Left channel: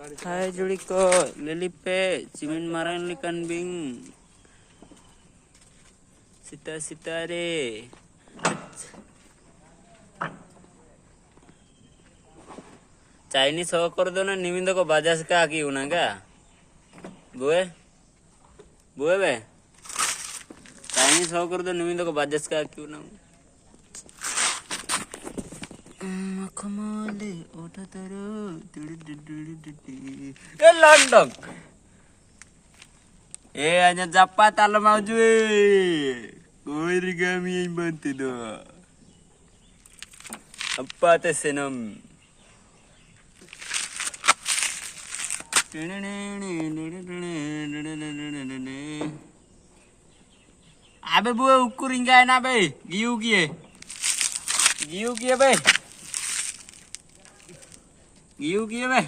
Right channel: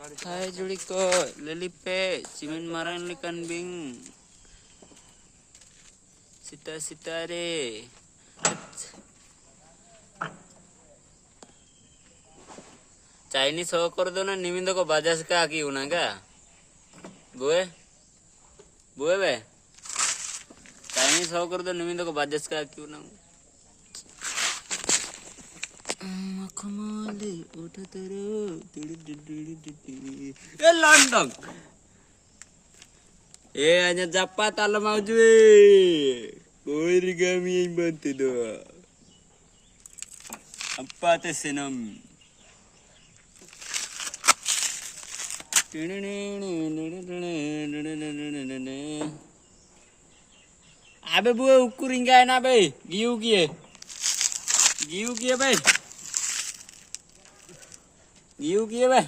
Hai Juliko, Lilipe, Cimin Marang Likan Bing, Sita deh. Chinese हो कर दो ना निमिंदो को बाजास का की उना का बुए बुए बे Chinese हो कर दो निमिंदो को बाजास का की उना कमाले उठा तेरे ये लंदन ये hanya japat alam maju कोई रिगामी yang bantu do apa tes senam abe buah ukur hingga enak be giu kie be giu kie be